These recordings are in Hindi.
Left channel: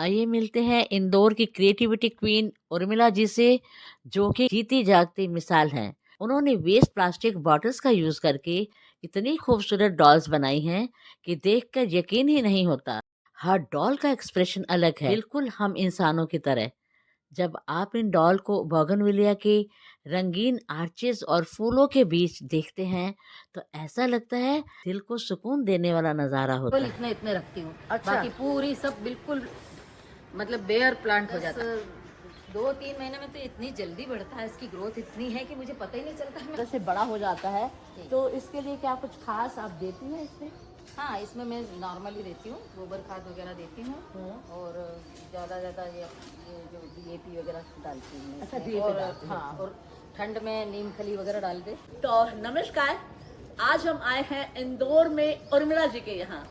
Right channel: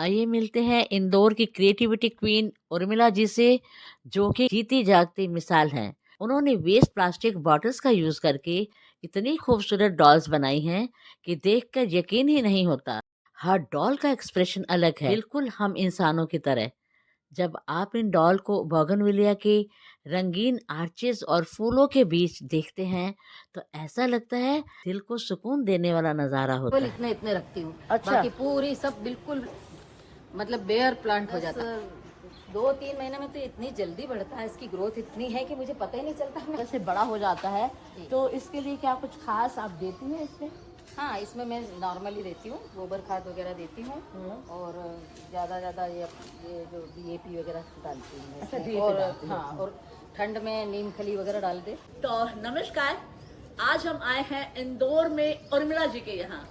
आइए मिलते हैं इंदौर की क्रिएटिविटी क्वीन उर्मिला जी से, जो कि जीती जागती मिसाल हैं। उन्होंने वेस्ट प्लास्टिक बॉटल्स का यूज करके इतनी खूबसूरत डॉल्स बनाई हैं कि देखकर यकीन ही नहीं होता। हर डॉल का एक्सप्रेशन अलग है, बिल्कुल हम इंसानों की तरह। जब आप इन डॉल को बोगनविलिया के रंगीन आर्चेस और फूलों के बीच देखते हैं तो ऐसा लगता है दिल को सुकून देने वाला नजारा होता केवल है। इतने इतने रखती हूँ। अच्छा। बाकी पूरी सब बिल्कुल मतलब बेयर प्लांट हो जाता है। 2-3 महीने में तो इतनी जल्दी बढ़ता है, इसकी ग्रोथ इतनी है कि मुझे पता ही नहीं चलता। जैसे बड़ा हो जाता है तो इसके लिए क्या कुछ खास आप देती हैं इसमें? हाँ, इसमें मैं नॉर्मली देती हूँ, गोबर खाद वगैरह देती हूँ और ज़्यादा ये जो DAP वगैरह डालती हूँ अच्छा, इसमें। DAP और डालती हैं। हाँ, और ठंड में नीम खली वगैरह डाल दे। तो नमस्कार, आज हम आए हैं इंदौर में उर्मिला जी के यहाँ,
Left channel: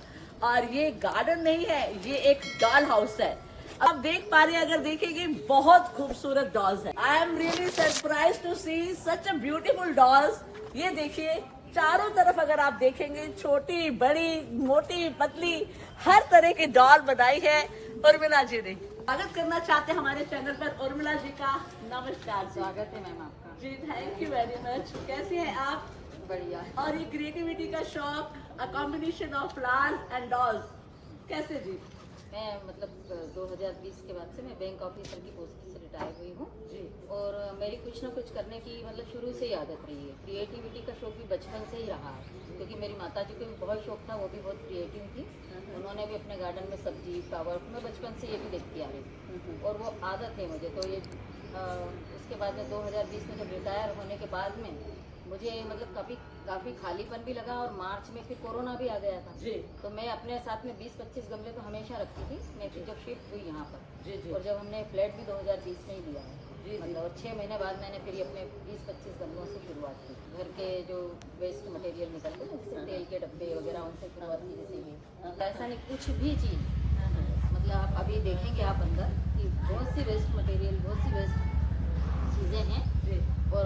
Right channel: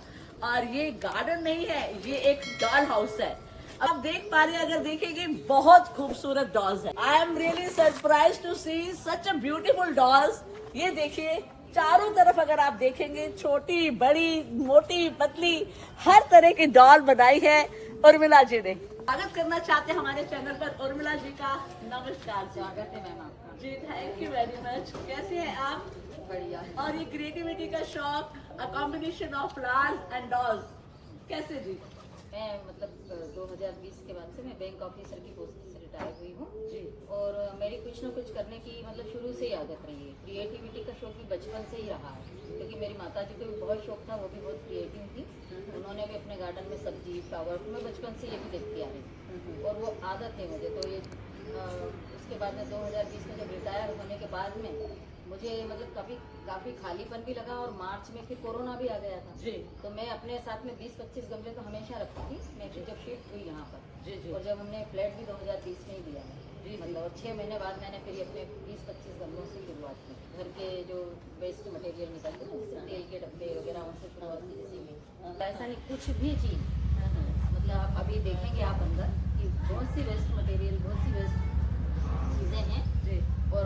और ये गार्डन नहीं है, ये एक डॉल हाउस है। आप देख पा रहे हैं, अगर देखेंगे बहुत खूबसूरत डॉल्स है। I am really surprise to see such a beautiful dolls. ये देखिए, चारों तरफ अगर आप देखेंगे, छोटी बड़ी मोटी पतली हर तरह की डॉल बनाई है उर्मिला जी ने। स्वागत करना चाहते हैं हमारे चैनल पर उर्मिला जी का। नमस्कार जी। स्वागत है मैम आपका। जी, थैंक यू वेरी मच। कैसे हैं आप? बढ़िया। और ये क्रिएटिविटी का शौक, a combination of flowers and dolls, कैसे जी? मैं मतलब 2020 के बाद से मैं बैंक ऑफिसर की पोस्ट से रिटायर हुई हूँ जी। और मेरी कुछ ना कुछ करने की मतलब शुरू से ही आदत रही है। क्रिएटिविटी का शौक भी बचपन से ही रहा है, क्योंकि मेरी माता जी को भी बहुत शौक था, वो भी बहुत क्रिएटिव थी। उन्होंने भी अपने गार्डन में सब्जी फ्लावर, मैं बचपन से ये भी देखती आ रही और वो आदत है मुझे। तो ये उसके बाद में 2020 में जब रिटायर होने के बाद में मुझे मतलब काफ़ी खालीपन भी लगा और मार्च में फिर कोरोना भी आ गया था जी। तो मैं अपने साथ में 20-25 गमले तो हमेशा रखती थी। मैं फिर जब शिफ्ट हुई यहाँ पर जी। और जब हमने फ्लैट भी 2020 में ही लिया है जी। मतलब, और 6 महीने बाद मैंने फिर अपने 20-25 गमलों से शुरुआत की। घर के जो वेस्ट मटेरियल निकलते हैं जैसे तेल के डब्बे वगैरह, उनसे शुरुआत की। जैसे ऐसा नहीं कुछ भी चीज़ मतलब आप अभी देखेंगे आप अंदर कि बहुत सी वेस्ट मटेरियल, बहुत सी वेस्ट चीज़ें हैं जी। और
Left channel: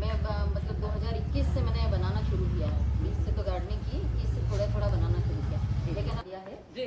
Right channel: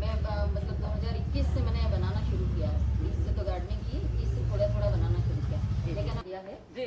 मैं मतलब 2021 से मैंने बनाना शुरू किया है। 20 से तो गार्डनिंग की, 21 से थोड़ा थोड़ा बनाना शुरू किया, लेकिन अब किया है। जी।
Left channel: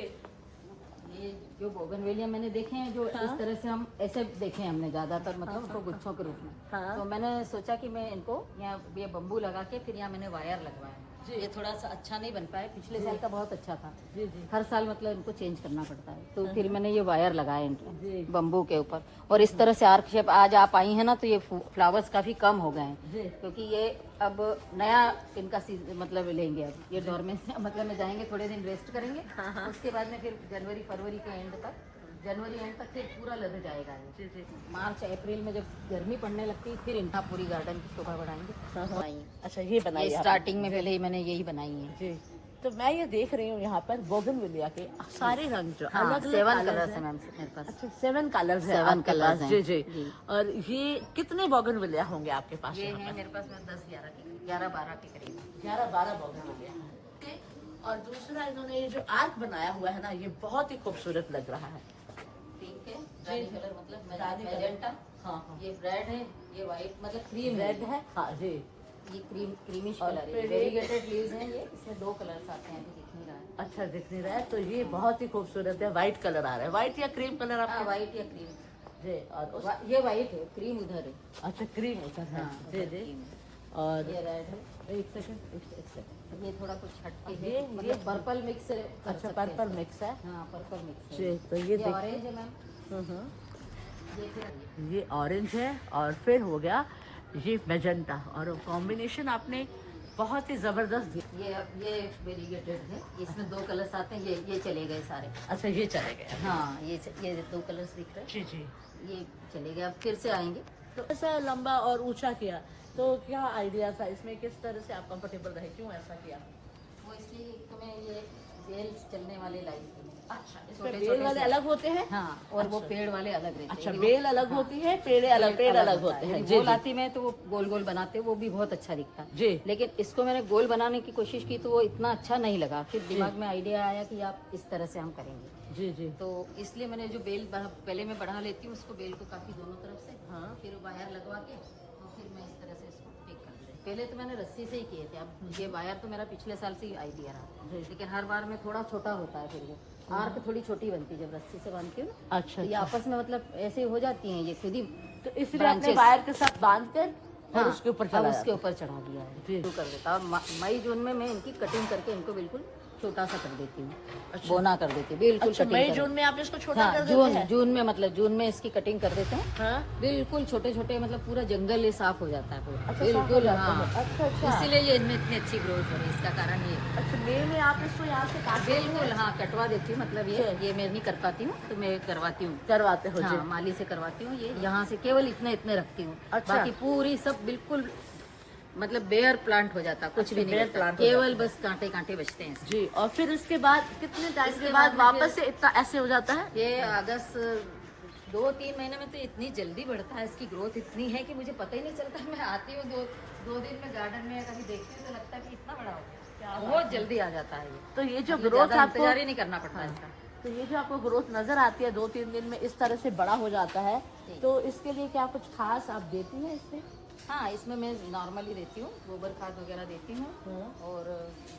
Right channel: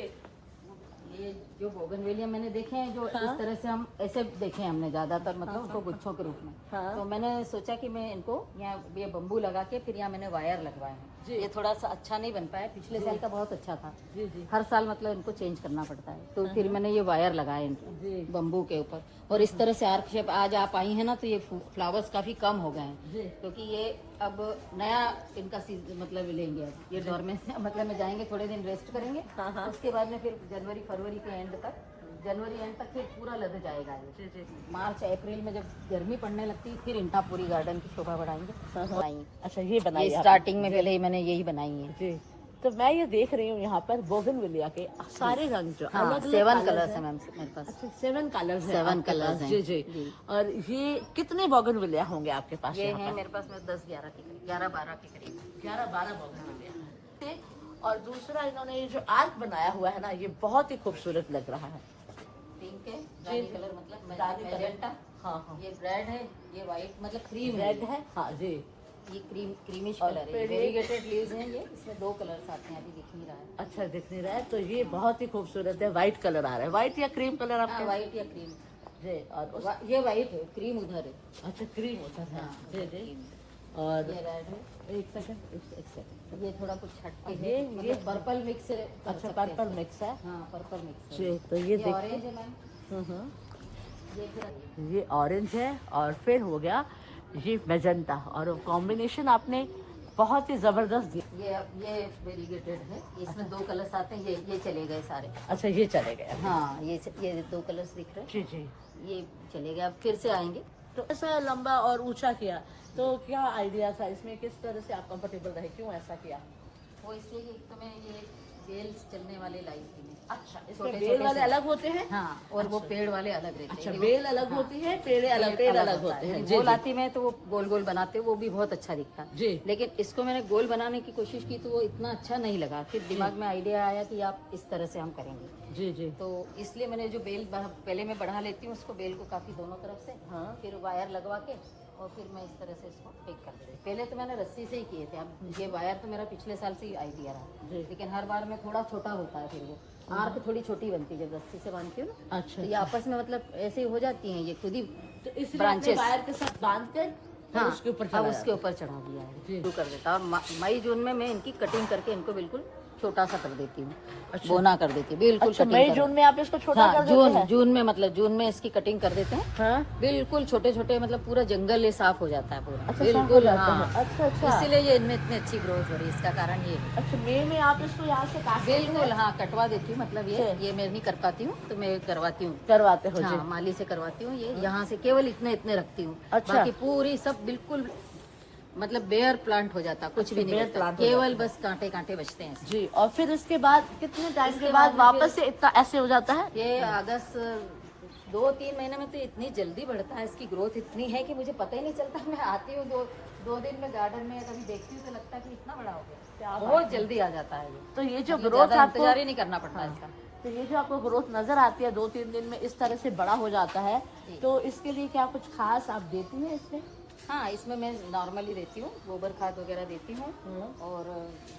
ये जो बोगनवेलिया मैंने देखे हैं जो हाँ। इस तरह से हम ऐसे देखे हैं हमने ज़्यादातर, मतलब उसको गुच्छों के रूप में। हाँ। तो मैंने सोचा कि मैं इनको यहाँ ये बम्बू लगा के फिर यहाँ मैंने वायर लगवाया। ये थोड़ा सा अच्छा नहीं बन पाया, पिछले साल का बहुत अच्छा था। जी। जी। हर साल मतलब इनको चेंज करना पड़ता है, तो फिर मैंने ये वायर लगाए जी। इनके बम्बू के ऊपर। और इस तरह से आर्क शेप आज आप आई हैं ना, तो ये फ्लावर्स काफ़ी कम हो गए हैं जी। क्योंकि ये अब नया इनका मतलब लेंगे। अब ये डोरमेंट से मतलब में जाएंगे, थोड़े दिन रेस्ट करेंगे। हाँ। उसके बाद में फिर जनवरी-फरवरी के एंड तक, जनवरी एंड तक फिर पूरा लग जाएगा। जी। मार्च अप्रैल में जब गर्मी पड़ने लगती है फिर इनका पूरी गार्डन की शोभा बढ़ाएंगे। अच्छा, ये बनाई ये है स्टार्टिंग में पहले ही मैंने यही बनाई है। जी। तो मैं ये देख रही हूँ यहाँ पर बोगनविलिया के सारे रंग जो हाँ, अलग अलग 7 कलर्स कलर्स हैं। हैं मेरे पास। अच्छा, 7 कलर्स हैं 7 आपके कलर्स पास। हैं। जी जी। जी। और ये कितने बोगनविलिया होंगे आपके पास? ये यहाँ है पर मेरे पास में 10-11 के करीब, 11-12 के करीब। 11-12 बोगनविलिया हैं। और दूसरा, इन्होंने ये जो आर्ट बनाया हुआ है ना, ये बहुत ही खूबसूरत लग रहा है। पिंक है, दादी कलर मतलब दादी कलर। मैजेंटा। हाँ हाँ। ये रेड है, ये वाइट मतलब क्रीम रेड है। हाँ जी। ये क्रीमिश और कलर है। फिर ये- वेरीगेटेड लीव्स हैं ये, इसमें 2 कलर्स आते हैं, अभी दिख नहीं रहा है। अच्छा, दिख नहीं रहा है तो ये बहुत ही खूबसूरत है। व्हाइट कलर आ रहा है, व्हाइट या क्रीम कलर हाँ, आपके? वाइट या क्रीम। जी। और ये वाइट है, क्रीम उधर है। अच्छा, क्रीम उधर है। हाँ, जी जी। cream। और ये रेड है। एक सेकंड, एक सेकंड। ये थोड़ा कुछ हटके ये- है, मतलब पर्पल मिक्स है। अच्छा, पर्पल मिक्स है। हाँ, पर्पल मिक्स है। जी, तो ये देख। ऑरेंज है मैम। ये फिर ये ऑरेंज है और फिर हो गया ये मेजेंटा, और कॉम्बिनेशन आपने बहुत ही जबरदस्त दी। ये वेरीगेटेड है, इसमें 2 कलर्स आते हैं। ये चले गए सारे। अच्छा, ये चले गए। हाँ, ये 2 कलर्स दिख रहे जी जी। हैं, ये चले गए, अब फिर से आएंगे। तो ऐसा लंबा और ऊंचा किया, तो क्या आइडिया था इसमें, किस तरह से आप कंफर्टेबल रहे, क्यों ऐसा किया? वो इसलिए एक तो मैं ये बेल्स चलने वाले लाई थी। अच्छा, इसमें छोटे बेल छोटे वाले से। अलग होते हैं? हाँ, और वो पेड़ वाले अलग रहते अच्छा, हैं। बेल अलग हाँ, होती है, पेड़ अलग होते हैं। वो लाती मैं तो वो गोल गोल बनाते, वो भी बहुत अच्छा दिखता है। जी। लेकिन इसको मैंने गोल बनाने की कोशिश की तो वो इतना अच्छा नहीं लगा। फिर दिमाग में आइडिया आया कि आप इस तरह से हम करेंगे। जी जी। तो इसलिए मैंने जो बेल पहले मैं बढ़ा लेती हूँ उसको, बेल को काफ़ी दोनों तरफ से, हाँ। फिर वायर लगवा के और फिर मैं इस तरह से इसको पैक करती हूँ। पहले तो मैंने रस्सी से ही किए थे, अब ये वायर तो मेरा पिछले साल से ही आइडिया रहा, जी। लेकिन हर बार में थोड़ा छोटा होता है, फिर वो आर्क थोड़ी छोटी बनती है जब रस्सी से बांधती हूँ ना। अच्छा, तो ये आपस में मतलब ऐसे हो जाती हैं ये खुद ही। तो इसलिए आपने branches। वायर के साथ बांध कर और उसके ऊपर अब चढ़ाया। उसके ऊपर चढ़ा दिया है। जी। कर लेता हूँ। मई जून में मैं इनकी कटिंग करके इनको बिल्कुल छोटा सा कर देती हूँ, बोना कर देती हूँ बिल्कुल। अच्छा, कटिंग मई कर, जून में आप इसको छोटा हाँ कर देते हैं? जून में मतलब जून में इसकी कटिंग कर देते हैं हाँ। बिल्कुल छोटे छोटे, मतलब पूरा जंगल ये साफ हो जाता है पूरा बिल्कुल। हाँ, अच्छा। इसीलिए ये इनमें इतनी अच्छी ग्रोथ हो रही है, इसका कारण ये। अच्छा, मई में आप इसको यहाँ से काट बिल्कुल हाँ, कटवा देती हूँ, मतलब ये मैं नहीं कर पाती हूँ तो मैं करवाती हूँ, करवाते हो? हाँ माली से करवाती हूँ। ये यहाँ से केवल इतने इतने रखती हूँ, अच्छा। बाकी पूरी सब बिल्कुल मतलब बेयर प्लांट हो जाता, कुछ भी नहीं bare बचता, plant हो केवल बस कांटे कांटे बचते हैं इसमें। जी। और फिर इसके बाद कितने टाइम के बाद वापस से इतना ऐसे हो जाता है? ये अगस्त 2-3 महीने में तो इतनी जल्दी बढ़ता है, इसकी ग्रोथ इतनी है कि मुझे पता ही नहीं चलता। मैं आती हूँ दो दिन में गार्डन में, कभी देखती हूँ तो लगता है कि इतना बड़ा हो गया, बहुत जल्दी आ जाता है ये। तो ये जो मतलब ग्रोथ ज़्यादा आपको इंतजार ही नहीं करना पड़ता हाँ। इसका। तो ये जो आपको ग्रोथ नजर आती है 2-3 दिन में इस तरह से बड़ा हो जाता है, तो इसके लिए क्या कुछ खास आप देती हैं इसमें? हाँ, इसमें मैं नॉर्मली देती हूँ, गोबर खाद वगैरह देती हूँ और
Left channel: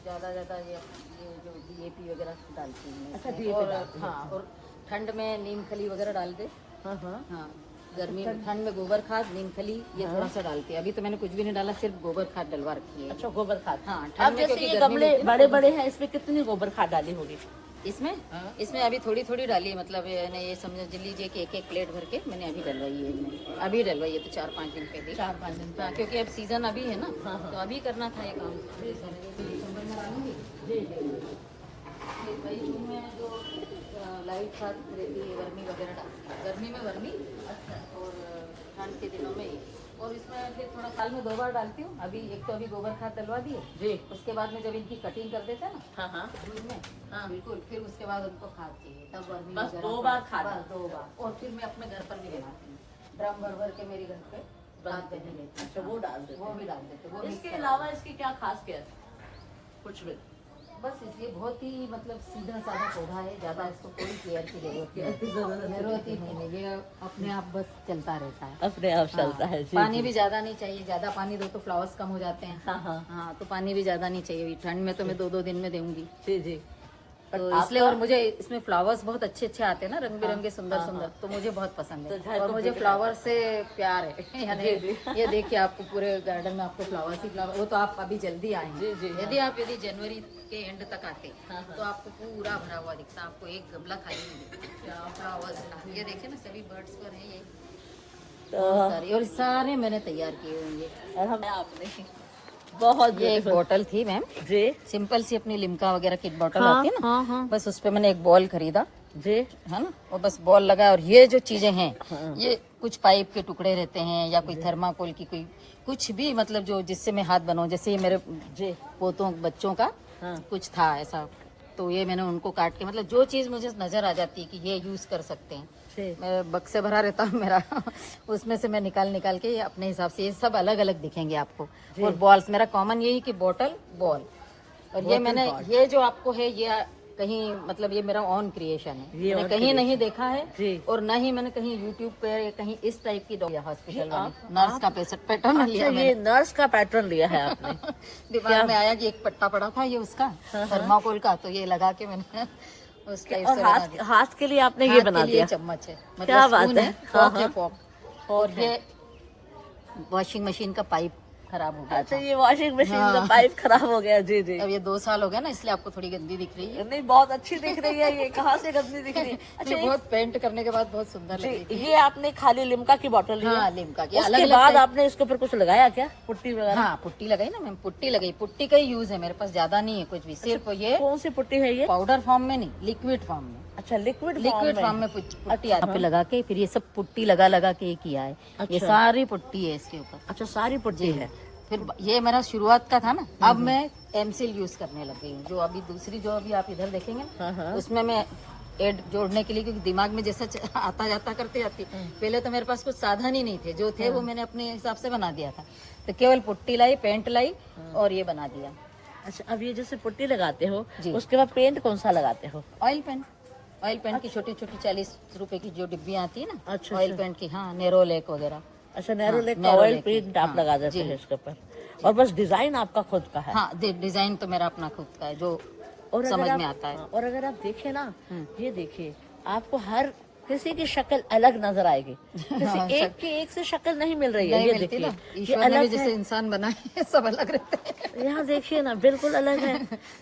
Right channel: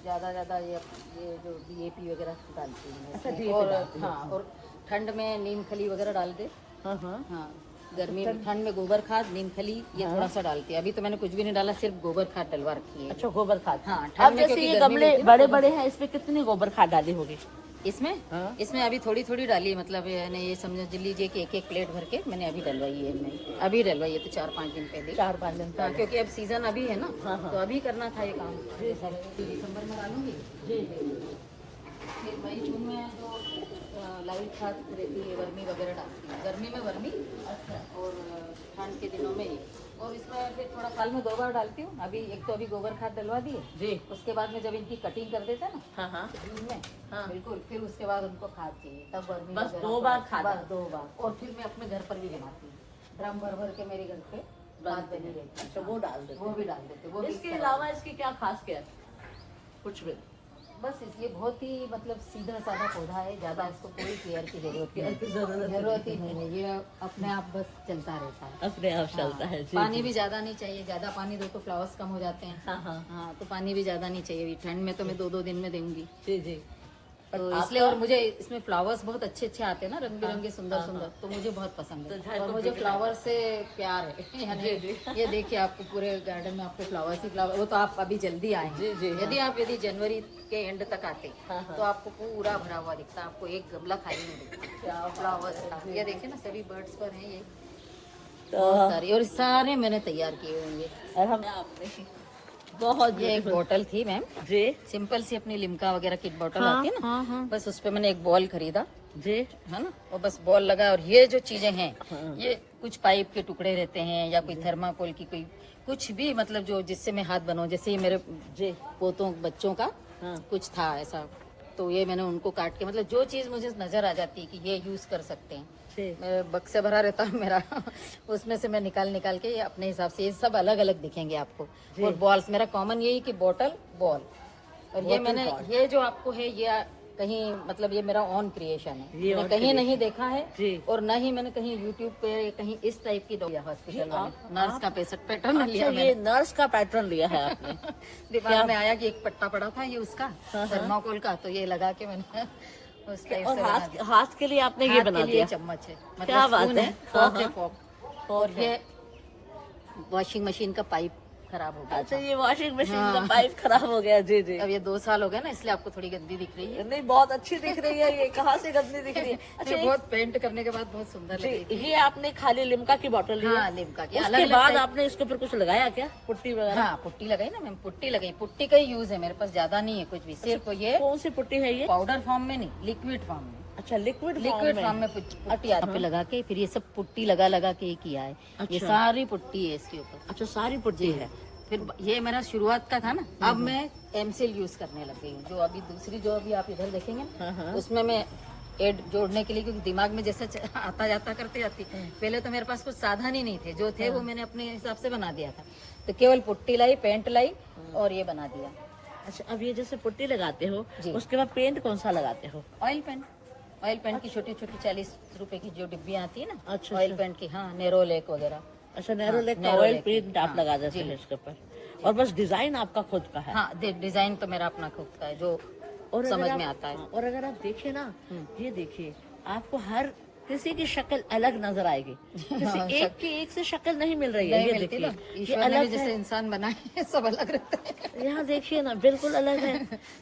ज़्यादा ये जो DAP वगैरह डालती हूँ अच्छा, इसमें। DAP और डालती हैं। हाँ, और ठंड में नीम खली वगैरह डाल दे। हाँ हाँ। हाँ, गर्मी में ठंड में गोबर खाद नीम खली ये थोड़ा सा डालती है। अभी तो मैंने कुछ भी नहीं डाला, सिर्फ गोबर खाद डलवा रखी है। अच्छा, गोबर खाद। हाँ, अब ठंड में जैसे क्योंकि ये गर्मी गमले होती है ना। बड़े बड़े हैं, इसमें कितनी गोबर खाद डाली होगी? इसमें हाँ। इसमें अभी थोड़ी थोड़ी डाली, मतलब यानी ये समझ लीजिए कि एक प्लेट भर के मैंने अभी डलवाई है इनमें। अभी डलवाई है तो 4-5 दिन पहले। 4-5 दिन हाँ, क्योंकि अब सीजन अभी है ना, हाँ, हाँ। तो अभी करना था ये काम। जैसा दिसंबर में डालूंगी, जी। फिर मई जून में जो लाइट खाद रहती है, गर्मी वगैरह डालती हूँ। गर्मी में गर्मी और ठंड के दिनों में, और इसका फिर थोड़ा साल में 2 बार डालती हूँ। अभी एक तो अभी गोबर खाद डलवा दी, जी। उसके बाद में जब इनकी कटिंग करते थे ना हाँ हाँ। जून में, हाँ। बिल्कुल, फिर उसके बाद उनको खाद चाहिए, तब गर्मी बस वगैरह 2 बार खाद? बस 2 बार। और फिर मैं अपने घर पर भी लगाती हूँ, ड्रम भर भर के मेरे घर पे डाल देती हूँ। अच्छा, वो डाल देते हैं। वो भी डाल देते हैं, वो इसके mix अलावा इसकी क्या खास केयर? कुछ भी? बस इसलिए बहुत ही मतलब सीधा साधा पौधा है, ज्यादा इसको कोई केयर की जरूरत ही नहीं है, ये अपने आप बस चलता रहता है, अपने आप चलता है। जी, पानी जी। भी ज्यादा नहीं चाहिए, ज्यादा पानी दो तो फ्लावर्स कम हो जाते हैं। हाँ हाँ। हाँ, तो पानी भी ज्यादा नहीं चाहिए। ठंड में तो मैं 2-2 दिन में दूंगी, जी जी। तो इसलिए। और मुझे इसमें फ्लावर्स बहुत अच्छे अच्छे आते हैं ना, रंग बिरंगे सुंदर सुंदर, तो मुझे बहुत पसंद तो है और मुझे फ्लावर से प्यार है। यानी ये देखिए आपको पूरे गार्डन में आपको फ्लावर्स ही फ्लावर, वो तो आप अभी जल्दी आए जी, जी, हाँ। यदि जनवरी के एंड तक आते हाँ, हाँ। तो आपको पूरा भरा हुआ दिखता है, आपको एक गमला खाली नहीं दिखता फ्लावर्स। ये देखिए ना, सभी बर्ड्स का नहीं है, बहुत सारी, और सारे मैंने तैयार किए होंगे। हमें आपने बहुत ये एक बोतल थी मैम, जी सिंपल सी अपनी लिम्का वगैरह की बोतल हाँ, आती है ना, हाँ, हाँ। बस उस पे मैंने एक बॉल खरीदा जी है ना, वो बस बॉल लगा। और ये जो चीजें हैं, हाँ। ये कुछ पाइप के टुकड़े रहते हैं या कोई थर्माकोल की कोई कुछ भी, मतलब जो जिससे मैं हाथ बनाऊं, जैसे ये मेरे जी पोतों बच्चों का हाँ। कुछ था ऐसा, तो ये मैंने उनको काट के, मतलब जो चीज मुझे नजर आ जाती है कि ये यूज कर सकते हैं, जी मैं बक्से भरा रहता हूँ मेरा उसमें से मैं निकाल के अपने हिसाब से, ये सब अलग अलग दिखेंगे आपको। और बॉल्स मेरा कॉमन यही कि बॉटल बॉल, और ये मैंने ये जो आपको है ये कहीं, मतलब ये मेरा ऑन क्रिएशन है, ये मैंने own कहीं creation। नहीं देखा है, जी। और न ही मैंने कहीं यूट्यूब पे कहीं इस टाइप की हॉस्पिटल में नर्स का पैटर्न अच्छा, लिया ये नर्स का पैटर्न लिया है आपने? दिमाग में आया कि एक पट्टा पड़ा था ये उसका थर्माकोल का, तो ये लगा के मैंने उस टाइप और से बना हाथ दिया। हाथ के लिए आपने ये हाथ बना के लिए दिया? चम्मच है, मतलब क्या बात स्पून है। फॉक है, हाँ, फॉक। और ये वॉशिंग मशीन का पाइप खराब हो गया अच्छा, था। ये वॉशिंग मशीन का हाँ। पाइप खराब हो गया। जी जी। अब ये 2 साल हो गया ना, इसलिए आपको थोड़ी गंदी दिख रही है। नहीं, बहुत अच्छी दिख रही है। ये कहाँ से गंदी दिख रही है? अच्छा, बहुत पेंट करने के बाद बहुत सुंदर लगी थी। ये आपने खाली लिम्का की बोतल ली? हाँ, लिम्का की। उसके अलग-अलग बाद टाइप- आपने इसके ऊपर कुछ लगाया क्या, पुट्टी वगैरह? हाँ, पुट्टी लगाई ना मैम, पुट्टी लगाई। पुट्टी का ही यूज है मेरे पास, ज्यादा नहीं है कुछ भी, सिर्फ ये कौन सी पुट्टी है ये? पाउडर फॉर्म में नहीं, लिक्विड फॉर्म में। अच्छा, लिक्विड फॉर्म में पुट्टी यहाँ पे लगा के, फिर ये सब पुट्टी लगा के किया है। ये अच्छा। सारी पुट्टी है इसके ऊपर। अच्छा, सारी पुट्टी है। फिर ये मेरा शुरुआत का था ना, अब मैं एमसील यूज करने लग गई हूँ, जो अभी दूसरी जो अभी आप इधर देखेंगे हाँ, हाँ। उसमें मैं एड जोड़ने के लिए, क्योंकि दिमाग में जैसे आता जाता करते जाती, पहले तो मेरे पास कुछ साधन ही नहीं थे, जो थे वो मैंने अपने हिसाब से बना दिया था, तो केवल पुट्टी लाई, पेंट लाई और ये बना दिया। अच्छा, अब ये जैसे पुट्टी लगाते हो जी। उसके बाद पेंट कौन सा लगाते हो? Oil paint. ऑयल पेंट की छोटी छोटी 40 रुपए की जो डिब्बियाँ आती है ना, अच्छा, ऑयल अच्छा। पेंट की, हाँ, नेरोलैक वगैरह। अच्छा, नैरो लेक का नैरो ऑयल लेक की, पेंट आप हाँ, लगा देते जी। हैं इसके ऊपर, और बस डिजाइन आपका खुद का है। हाँ, डिजाइन तो मेरा अपना खुद का है जो और अगर समझ आप में आता है। और अगर आप देखें ना, हम्म। ये देखिए, आपको हर किसी की शक्ल अलग नजर आएगी, किसी हाँ, एक की एक से शक्ल नहीं मिल रही है। नहीं ये मिलती देखिए, ना, ये ईश्वर ने भी अलग जैसे है, इंसान बनाए हैं, सब अलग रहते हैं। यहाँ देखिए ना, बिल्कुल अलग है,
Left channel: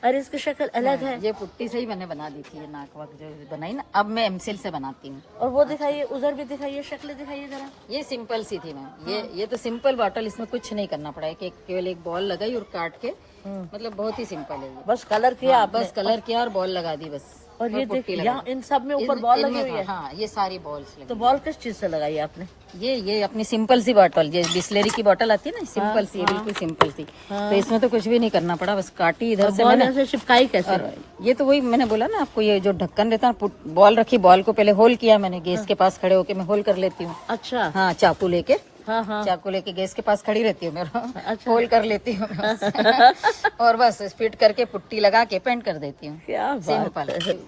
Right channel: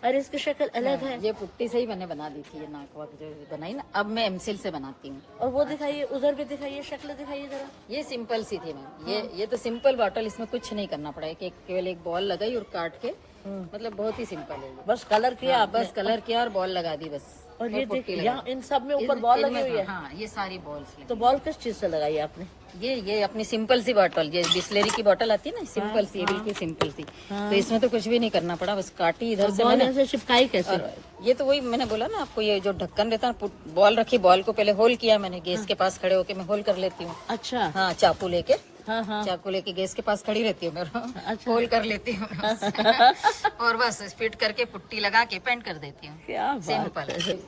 और इसकी शक्ल अलग है। ये पुट्टी से ही मैंने बना दी थी, ये नाक वाक जो बनाई ना, अब मैं एमसिल से बनाती हूँ। और वो दिखाइए, उधर भी दिखाइए, शक्ल दिखाइए जरा। ये सिंपल सी थी मैम, ये तो सिंपल बॉटल, इसमें कुछ नहीं करना पड़ा है, कि केवल एक बॉल लगाई और काट के, मतलब बहुत ही सिंपल है ये। बस कलर किया हाँ, आपने। बस कलर किया और बॉल लगा दी बस। और ये पुट्टी देखिए, लगाई। यहाँ इन सब में ऊपर बॉल लगी इनमें हुई है। हाँ, ये सारी बॉल्स तो बॉल किस चीज से लगाई आपने? ये अपनी सिंपल सी बॉटल, ये बिस्लेरी की बॉटल आती है ना, सिंपल सी, हाँ। बिल्कुल सिंपल सी। तो इसमें तो कुछ भी नहीं करना पड़ा, बस काटी इधर से बॉल मैंने। ऐसे चिपकाई कैसे? और ये तो वही मैंने बोला ना आपको, ये जो ढक्कन रहता है, बॉल रखी, बॉल को पहले होल किया मैंने, गैस के पास खड़े होके मैं होल कर लेती हूँ। अच्छा। हाँ, चाकू लेके, हाँ हाँ। चाकू लेके गैस के पास खड़ी रहती हूँ मैं, अच्छा। होल कर लेती हूँ बस। और बस फिट करके पुट्टी लगा के पेंट कर देती हूँ। क्या बात सिंपल है।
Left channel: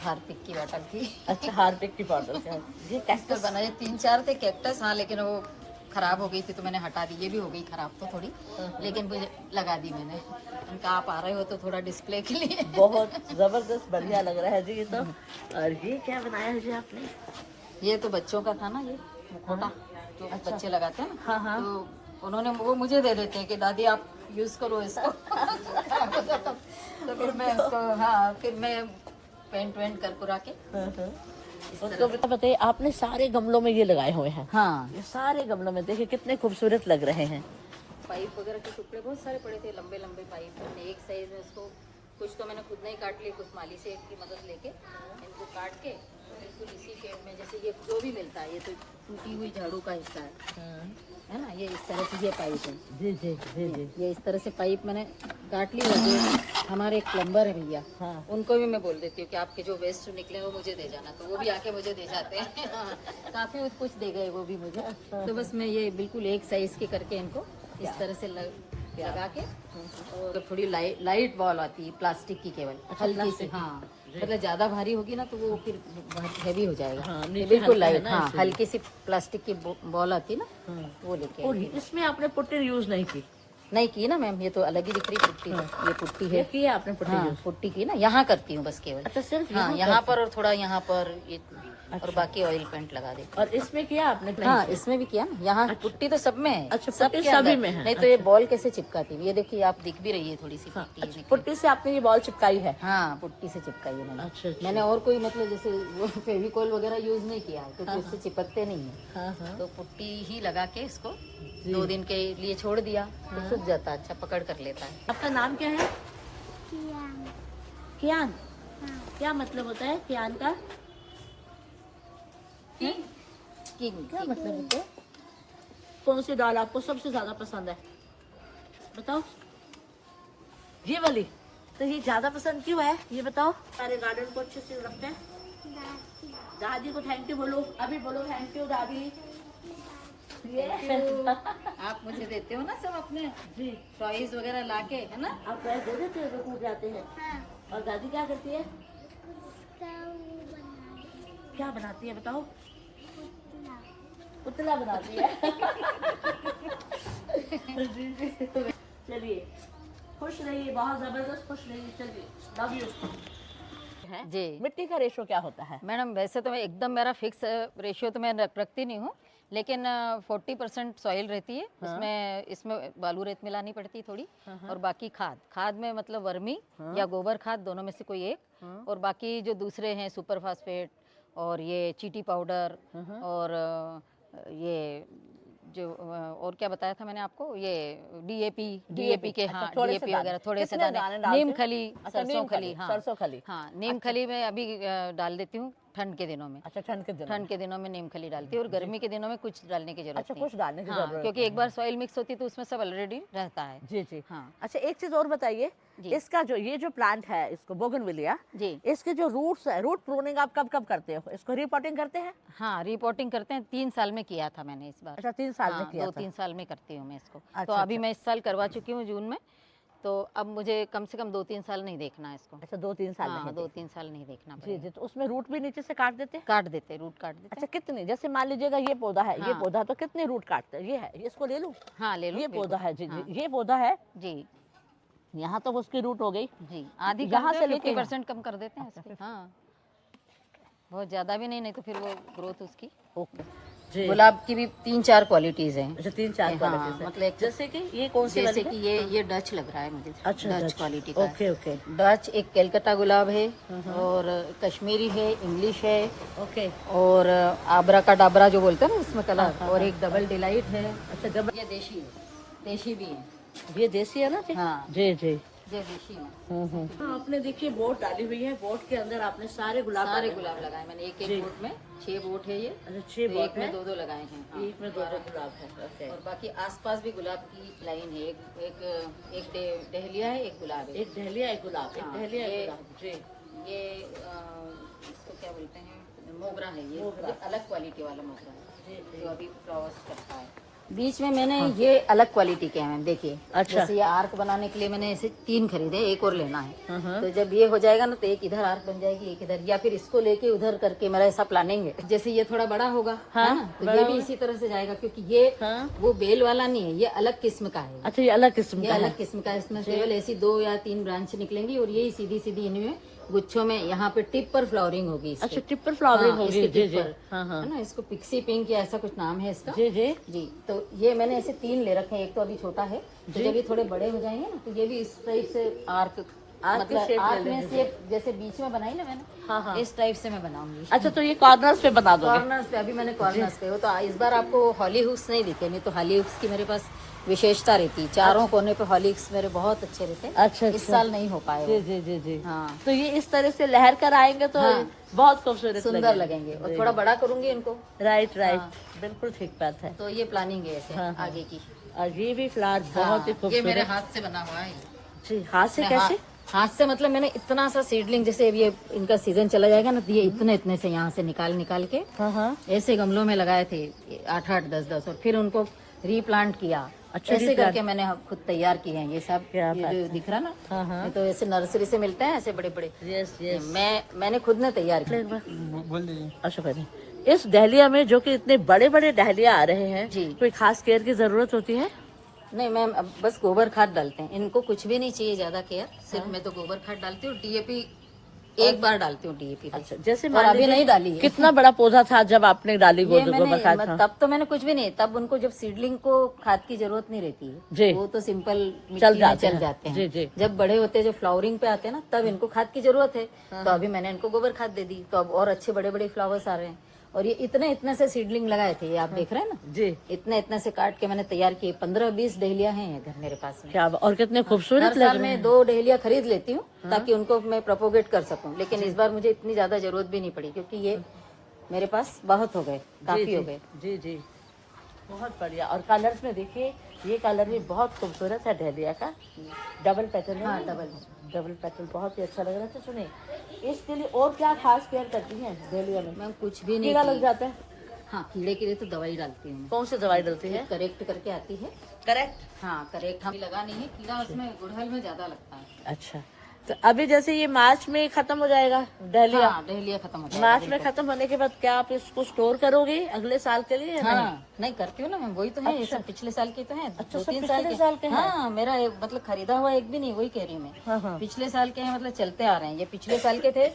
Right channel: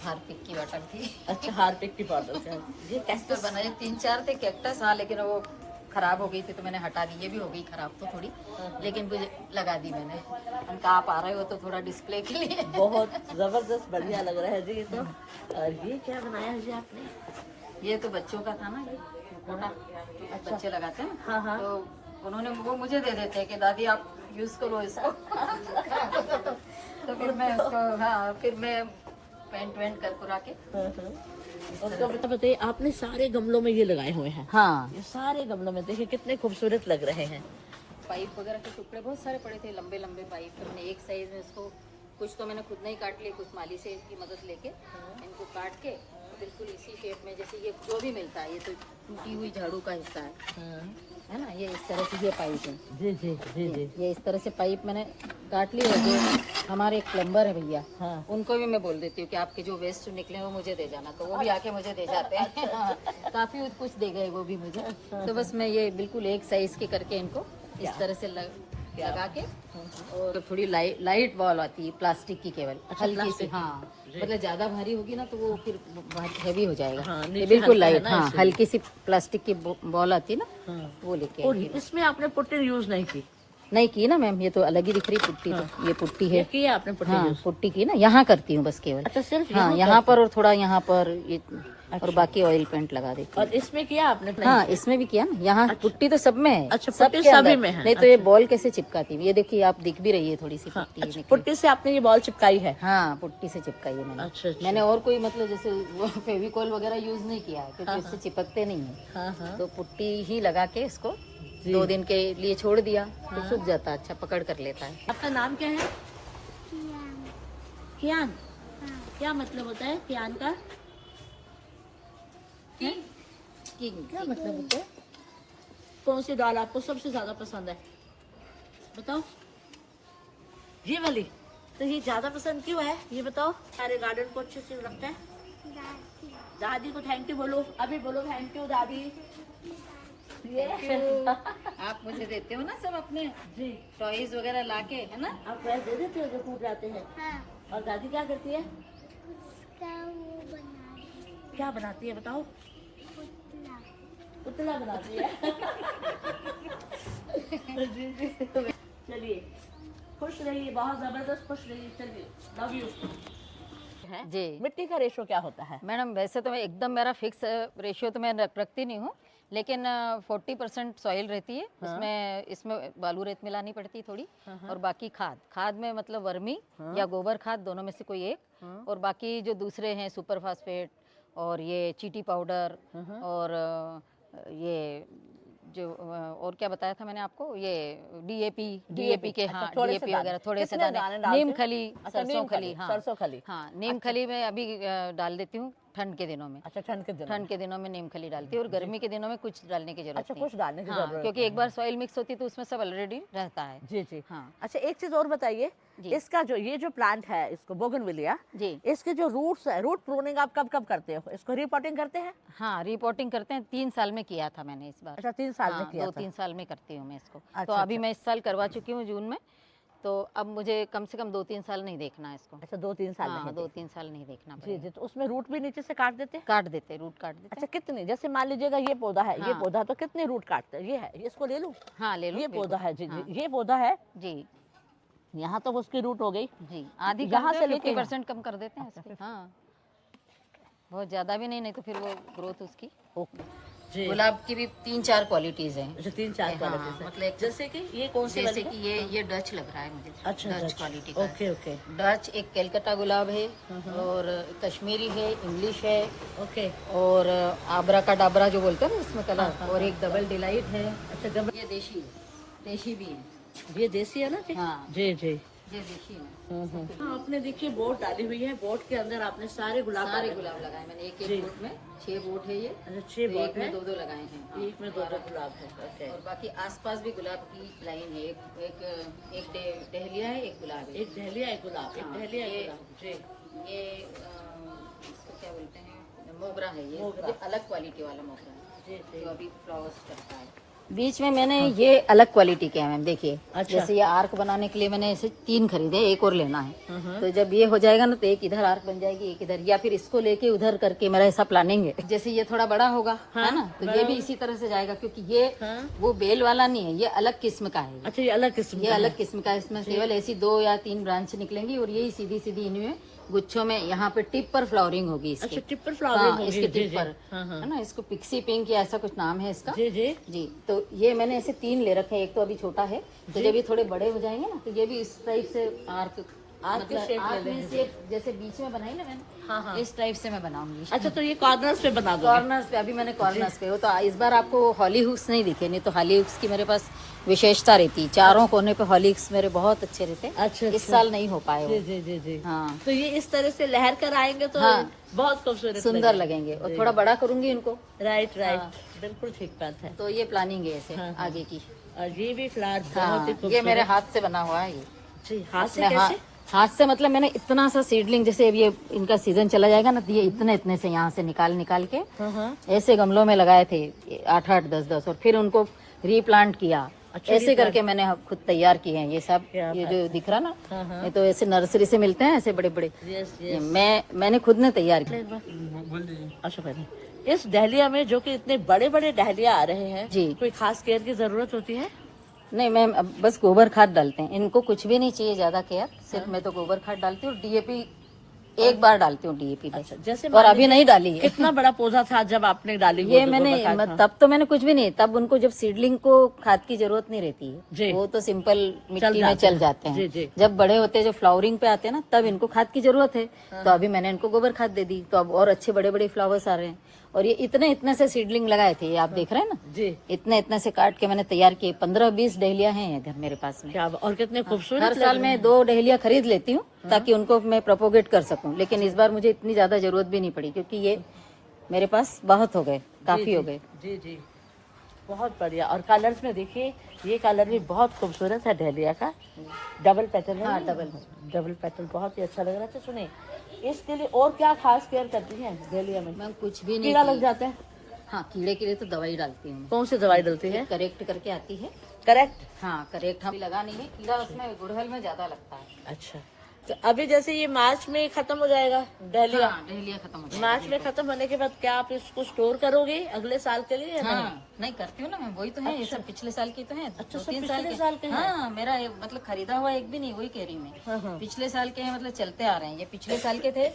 हार्पिक की बॉटल थी। अच्छा, हार्पिक की बॉटल से। ये कैक्टस बनाए 3-4 थे कैक्टस, हाँ, लेकिन वो खराब हो गई थी तो मैंने हटा दी। ये भी हो गई खराब तो थोड़ी, लेकिन मुझे लगा दी मैंने। उनका आप आ रहे हो तो थोड़ा डिस्प्ले के लिए। बहुत जबरदस्त बढ़िया लग रहा है जी ये तो। और ये क्या बनाया है जी आपने? ये तो बच्चों का था ना, ये मुखौटा जो बच्चे लगाते हैं ना, हाँ, हाँ। तो उन्होंने वो मुझे दे देते हैं कि दादी आप यूज करो इसको। तो फिर मैं उसको, हाँ, फिर मैं पेंट वेंट कर कुरा के उसको बताइए, आपने सारे गमलों में ये लगाए हुए हैं। हाँ, ये सारे गमलों में देखिए कितने खूबसूरत लग रहे हैं। पाइप वगैरह के टुकड़े बहुत सारे पड़े थे, लंबे लंबे पाइप। मैंने एक साइज में इसको, कुछ तो मैंने खुद नहीं काट लिए, कुछ माली से की मदद लेके इनको काट के बिल्कुल इसी शेप में, जैसे ये जो भी मिलता है, ये तो टूटी हुई झाड़ू का हिस्सा है ना, ये इस तरह से ये पाइप है। जी जी जी जी। ये इस तरह से पाइप मैंने काट ली है। जो हमारे एक प्लम्बर है भैया, हाँ। उनको भी मैं बोल देती हूँ कि आपके जो वेस्ट निकले वो मुझे दे जाना, तो वो भी आके मुझे दे जाते हैं। हाँ, काफी कुछ दे गए वो भी मुझे। तो बस मैं ये बिल्कुल एक साइज के करके इनको इस तरह से लगा के, और थोड़ी लाइट बॉल आती है प्लास्टिक की, केवल हल्की से, हाँ, मतलब ज्यादा भारी होगी ना तो वो फिर बहुत हैवी हो जाएगा। हाँ, ये नीचे बिल्कुल हल्का है लाइट, ना, हाँ, इसलिए। हल्की सी प्लास्टिक की बॉल आती है ना, वो लेके और इसमें आपने पुट्टी यूज नहीं की? नहीं की ना मैम, ये तो अलग ही दिख रही पुट्टी। ये पुट्टी है, ये की है आपने पुट्टी हाँ, यूज? पुट्टी की ना, यहाँ करती हूँ बस केवल। अच्छा, सिर्फ हाँ, यहाँ पर और थोड़ा यहाँ पर ये, और बाकी ऑयल पेंट लगा देती हूँ। और इसमें किया आपने? हाँ, इसमें भी किया ना, यहाँ पुट्टी तो सब में है। अच्छा, सब पुट्टी के सभी अंदर। में है। नहीं तो ये बॉल कैसे चिपकाती है, ये देखिए आप दिख भी रही है थोड़ी सी पुट्टी। अच्छा, पुट्टी से आपने ये बॉल चिपकाई है? हाँ, पुट्टी से चिपकाई है मैंने। अच्छा, अच्छा। मैंने और कोई मतलब जैसे फेविकॉल वगैरह यूज नहीं किया है, क्योंकि इससे चिपकते नहीं है। हाँ हाँ। तो पुट्टी ही लगा के इसको 2 दिन के लिए छोड़ दिया, तो सूख जाता है, अच्छा पकड़ कर लेता है। आपका नाम क्या है? कियान। क्या मतलब होता है कियान का? किंग। क्या मतलब होता है? कौन सी दाल आपको सबसे ज्यादा पसंद है, बताओ? ये वाली। तो ये ज्यादा पसंद क्यों है, ये बताओ? सारे गार्डन को अच्छे से रखते हैं। दादी को थैंक यू बोलो, अभी बोलो थैंक यू दादी। ये आप मुझे देते हो ना सब अपने जी, टॉयज वगैरह लाके, है ना? आप पैसे दे देते हो, टूट जाते हैं। और दादी क्या करती है? क्या बनाती है बताओ? पुतला बनाती है। जी जी। चलिए, खुश रहिए, बहुत जबरदस्त खुश रहिए। चलिए, लव यू। जी मिट्टी का रेशो क्या होता है? मैडम, वैसे तो मैं एकदम, मेरा फिक्स रेशियो तो मैं रखती नहीं हूँ, लेकिन 40% सॉइल रहती है इसमें बालू रेत मिलानी पड़ती है थोड़ी, और बाकी खाद में मतलब वर्मी या गोबर खाद, दोनों में से कोई एक, और बाकी जो दूसरे हैं सुपर फास्फेट और ये चीटी पाउडर, और ये जो और क्या बताया था मैंने आपको, ये डीएपी के, हाँ, डीएपी वगैरह थोड़े से दाने, नीम खली, सरसों खली, हाँ, सरसों खली। हाँ, नीम खली में अभी डाल देती हूँ ठंड के दिनों में। अच्छा, ठंड के दिनों में नीम खली डालती है, और गर्मी के दिनों में कुछ डालने की जरूरत अच्छा, नहीं। कुछ डालने की हाँ, जरूरत क्योंकि एक बार सॉइल मिक्स होती है तो उसमें सब ऑलरेडी रहता है। जी जी। हाँ। अच्छा, एक चीज और बताइए, इसका जो ये जो प्लांट है, इसको बोगनविलिया जी, इसके जो रूट्स है, रूट प्रूनिंग आप कब कब करते हो? इसको रिपोर्टिंग करते हैं? हाँ, रिपोर्टिंग करते हैं। 3 साल में किया था मैंने इस बार। अच्छा, 3 साल में किया था। 2-3 साल में करती हूँ मैं इसको। अच्छा, तो अभी मैं इस साल करवा चुकी हूँ जून में, तो अब मुझे कम से कम 2-3 साल नहीं देखना है इसको। अच्छा 2-3 साल हाँ, लगेंगे। 2-3 साल नहीं देखना जी पड़ेगा। जी, तो उसमें रूट भी नीचे से काट देते हैं? काट देते, रूट काट देते। अच्छा कितने, जैसे मान लीजिएगा ये पौधा है, ये हाँ। पौधा तो कितने रूट काटते हैं? ये है, ये इसको ले लूं? हाँ, ले लो ये बिल्कुल। पौधा है जी हाँ, जी, ये पौधा है, जी, यहाँ तो उसकी रूट हो गई। जी। आधी यहाँ कर से दो, लेके 50% कम कर देते हैं इसकी। हाँ, बहुत ज़्यादा भी नहीं, नहीं तो फिर वो ग्रोथ उसकी। ओके जी। गुलाब की भी 3-4 क्वालिटीज़ हैं। अच्छा 3-4 हाँ, क्वालिटीज है। मतलब जैसे कि ये कौन सी जैसे वाली कि है? ये डच लग रहा है मुझे। अच्छा डच क्वालिटी का है। ओके ओके डच एक कलकत्ता गुलाब है और कश्मीरी है, इंग्लिश है ओके। और आबरा का डाबरा जो बोलते हैं ना इसमें कलर, हाँ, और एक डबल डिलाइट है। अच्छा जब ये देशी है, देशी भी है। ये देसी है ना जी? हाँ, जी जी। ये देशी है। हाँ, आपने देखिए बोट डाली हुई है, बोट के अंदर आपने सारे गुलाब सारे डाले हुए गुलाब हैं। लगाए मैंने, एक जी। एक बोट में 6 बोट है ये। अच्छा 6 तो बोट एक में है, 2-2 लगाए हैं। हाँ, एक में 2-2 गुलाब है। ओके। और बाकी आसपास भी गुलाब की लाइन है। एक डहलिया है, एक गुलाब है। एक डहलिया एक गुलाब, एक हाँ, डहलिया ये- एक गुलाब जी। ये इसको क्या बोलते हैं, मोगरा है ये। मोगरा। ये अलग क्वालिटी वाला मोगरा है जी जी। जो अभी फ्लावर्स करता है। बीच में मैंने ये अलग क्वालिटी के हैं मैम, देखिए। अच्छा। जैसे ये आर्क बनाने के लिए मैंने ऐसे 3 खरीदे, एक और लेना है। तो जब ये हो जाएगा ना तो एक इधर आर्क बन जाएगी, एक इधर, या फिर इसको लेके उधर करके मेरा ऐसा प्लानिंग है। जैसे ये थोड़ा बड़ा होगा, है ना, तो ये भी इसी तरह से जाएगा, क्योंकि ये हाँ। वो बेल वाला नहीं है, ये अलग किस्म का है। अच्छा ये अलग किस्म ये का है। अलग किस्म का है। इसमें केवल ऐसी 2 या 3 ब्रांच निकलेंगी और यही सीधी सीधी इनमें गुच्छों में यहाँ पे टिप पर फ्लावरिंग होगी इसकी। अच्छा टिप पर फ्लावरिंग हाँ, होगी। इसके जी टिप जी। पर, हाँ हाँ। है ना, इसको पिक्सी पिंक या ऐसा कुछ नाम है इसका। जी जी। जी, तो ये मैंने ऐसे 3 ले रखे हैं, एक तो अभी छोटा है, तो जब ये थोड़े बड़े हो जाएंगे ना तो ये भी इस टाइप से आर्क, मतलब shape आर्क ले में से जैसे बीच में बनाई ना मैंने, हाँ हाँ। इस टाइप से मैं बनाऊंगी। अच्छा तो ये कॉर्नर्स पे बना दोगे? कॉर्नर्स पे, अभी मैंने कॉर्नर्स पे हो, तो इस बार आपको हॉली हुक्स नहीं दिखे, नहीं तो हॉली हुक्स की मेरे पास विशेषता रहती, चारों कोने पे हॉली हुक्स मेरे बहुत अच्छे रहते। अच्छा इस साल नहीं हो पाए। जी जी जी जी। हाँ, तो ये इस तरह से लहर कर आएंगे तो हाँ। बहुत खूबसूरत सुंदर लगेंगे। और थोड़ा बड़ा करूंगी इनको। राइट राइट, बिल्कुल ठीक बात है। तो ये प्लानिंग है ऐसे हाँ, हाँ। आगे की। और ये भी फ्लावर बहुत ही हाँ, ये मेरे खूबसूरत। हाथ से बना हुआ है ये। जी हाथ से अपने कैसे? हाथ से, मतलब मैंने इतना सा सीडलिंग, जैसे अब ये इनका सीजन चला जाएगा ना तो ये इतने इतने से यहाँ से निकाल के हाँ हाँ। ऐसे गमलों में लगाए थे 8-8, 10-10, और फिर उनको रीप्लांट किया। अच्छा, ऐसे replant। करके मैंने खुद तैयार किए हैं ये सब। क्या ये बात जो दिख रहा ना, हाँ, हाँ। ये तो ऐसे नर्सरी से मिलते हैं, ऐसे बड़े बड़े। यस ये यस। मैंने खुद ने तैयार किया। बोल दीजिए। अच्छा करिए। इस डहलिया में जो कि इतने बड़े बड़े डहलिया आ रहे हैं जी। कोई खास केयर की जरूरत होती है? नहीं मैम, अब बस गोबर खाद डालते हैं, इनको कुछ भी नहीं चाहिए ज्यादा केयर, सिर्फ मैं तो गोबर खाद डालती हूँ। डीएपी एक बार डालती हूँ, डीएपी बस। जैसे और मान अभी नहीं डाली है। कितना बड़ा पौधा था जब आपने डाली वो ये जो मैंने गोबर खाद था? तब तो मैंने कुछ भी नहीं, तब उनको जब सीडलिंग को खाद की जरूरत नहीं रहती जी। है, वो तो सिंपल मिट्टी में चल जाते हैं। जी, जी। जब बड़े होते हैं, जब फ्लावरिंग पे आते हैं ना, तब इनको खाद की जरूरत है। तो अभी मैंने इनको गोबर खाद दे दी, तो अब और अच्छे बड़े बड़े फ्लावर्स आ रहे हैं। और ये इतने इतने से सीडलिंग लगाए थे, ये आप देख रहे हैं ना, जी। इतने इतने से काट के मैंने तैयार किए। 15-20 डहलिया हैं इधर मेरे पास में। क्या और कितने हर खूबसूरत लग साल रहे हैं। मैं 2 डहलिया खरीद लेती हूँ ताकि उनको मैं प्रोपोगेट कर सकूं, लेकिन इस बार मुझे इतनी ज्यादा जरूरत भी नहीं पड़ी, क्योंकि ये मेरे पास बहुत हो गए, काफी हो गए। जी जी, बहुत बढ़िया। और कलर्स में देखिए, ये कलर भी बहुत खूबसूरत है डहलिया का, डबल पैटर्न है। हाँ, डबल पैटर्न बहुत ही अच्छा लग रहा है। तो सुनिए, इसके लिए और क्या खास केयर करती है डहलिया में? मैं कुछ भी नहीं कीड़ा की। लग जाते हैं? हाँ, कीड़े के लिए तो दवाई डालती हूँ। कौन सी दवाई डलती है? करेक्ट करके आती है। करेक्ट। हाँ, करेक्ट हम लगा नहीं है, कीड़ा उसमें गुड़हल में ज्यादा लगता है। अच्छा, तो अभी जैसे ये मार्च में खत्म हो जाएगा डहलिया, हाँ, डहलिया खत्म हो जाएगा। मार्च में खत्म होने के बाद क्या आप इसको स्टोर करोगे अगले साल के लिए या नहीं? हाँ, नहीं करती हूँ ना मैं, वही तो है। ये सब पिछले साल की तो है। अच्छा, 2-3 सब साल पिछले साल के हैं। हाँ, मेरा मतलब खरीदा हुआ एक भी नहीं, वही कह रही हूँ मैं। हाँ हाँ। पिछले साल के हैं, मतलब चलते आ रहे हैं। ये पिछले साल के थे,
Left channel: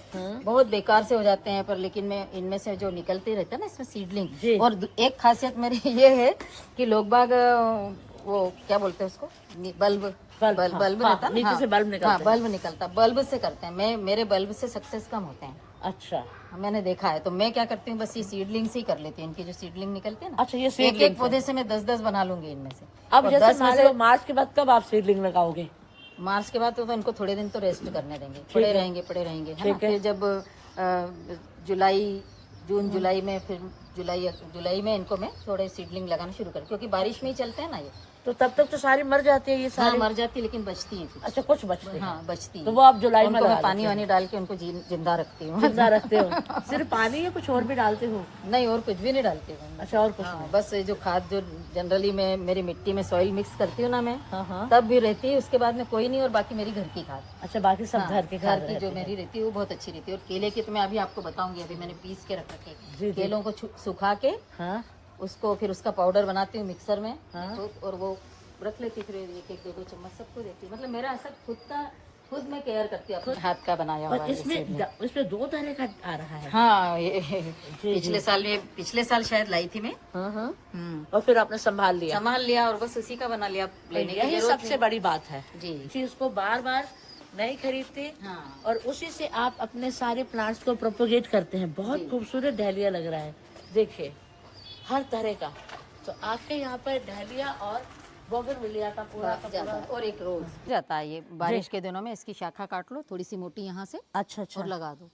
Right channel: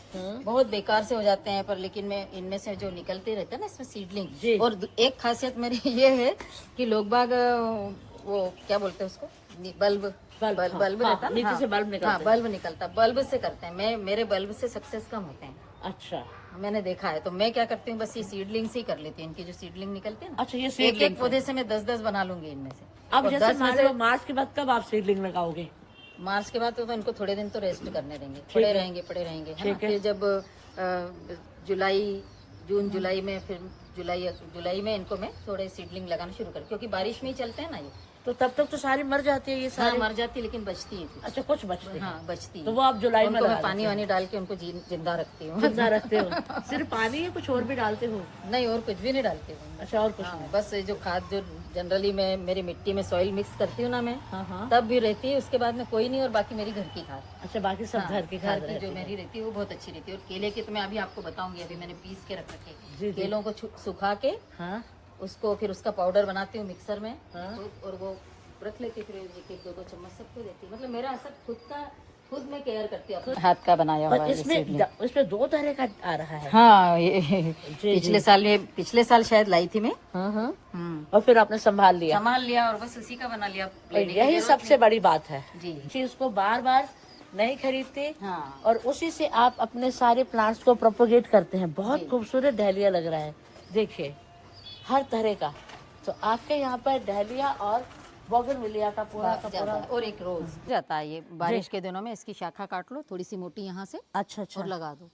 बहुत बेकार से हो जाते हैं, पर लेकिन मैं इनमें से जो निकलते रहते हैं ना, इसमें जी। सीडलिंग। और एक खासियत मेरी ये है कि लोग बाग वो क्या बोलते हैं उसको, बल्ब हाँ, बल्ब हाँ, रहता है, नीचे हाँ, से बल्ब निकलता हाँ, है। बल्ब निकलता, बल्ब से करते हैं। मेरे बल्ब से सक्सेस कम होते हैं, अच्छा मैंने देखा है। तो मैं क्या करती हूँ, बस ये सीडलिंग से ही कर लेती हूँ। इनकी जो सीडलिंग निकलती है ना, अच्छा, ये एक सीडलिंग एक पौधे से मैं 10-10 बना लूंगी इनमें से। अब और जैसे 10 में मान से लो मार्च के बाद कब आप सीडलिंग लगाओगे? मार्च के बाद तो इनको थोड़े दिन तो रेस्ट करने देंगे, पड़े रहेंगे है ना। ठीक है। फिर जब जून जुलाई में, फिर जुलाई में इनको मैं थोड़े सीडलिंग लगाना शुरू कर, क्योंकि बारिश में ही चलते हैं ना ये। तो तब तक तो सारी मर जाती है ये हाँ सारी। मर जाती है लेकिन बचती है कुछ। अच्छा कुछ बचते हैं। हाँ बचती है। तो वो आप जुलाई में उनको मैं लगा पानी देते वानी डाल के उनको जिंदा रखती हूँ। हो, जिंदा रखते हो। सिर्फ पानी या कुछ और भी डालते हो? नहीं और कुछ भी नहीं डालती हूँ। अच्छा और कुछ हाँ, बस ये जो खाद जो जनरली मैं मेरी मिट्टी में सॉइल मिक्स करती हूँ ना मैं, हाँ हाँ। तब भी रहती है, उसके बाद में कोई नहीं, और बाकी मेरी घर की खाद। अच्छा बाकी सब हाँ, घर के घर खाद की रहती जो है। मेरी रहती है वो बहुत अच्छी रहती है। और केले की तो मैं अभी आपको बताऊंगी, अभी मैंने पीस के रख रखे। जी, जी। केलों को सुखा के हाँ उसको फिर उसका पाउडर बनाती हूँ मिक्सर में, हाँ। तो और वो रख लेती, फिर एक दो चम्मच सबको देती हूँ। मतलब मेरा सब खुद में केयर करती हूँ, अपने हाथ का बनाया हुआ और है इसमें इसीलिए। इसमें 2 तरह का आ रहा है। हाँ पिछले साल शायद लाई थी मैं। और फिर आपने संभाल लिया। संभाल लिया और बस उसी का बना लिया, लेने की यही जरूरत सबसे बड़ी बात है जी। कि इसको बार बार नहीं खरीदते हाँ और उसी से आप अपने सारे प्लांट्स को प्रोपोगेट करते हैं। बहुत जी। खूबसूरत डहलिया लग रहा है, देखिए हर तरह का। तो आपके यहाँ पर डहलिया और बोगनविलिया का पूरा का पूरा। और एक रोज जाता है, ये बारिश के दिनों में इसकी शाखा काट लो थोड़ी सी मोटी यहाँ से अच्छा अच्छा। और लगा दो।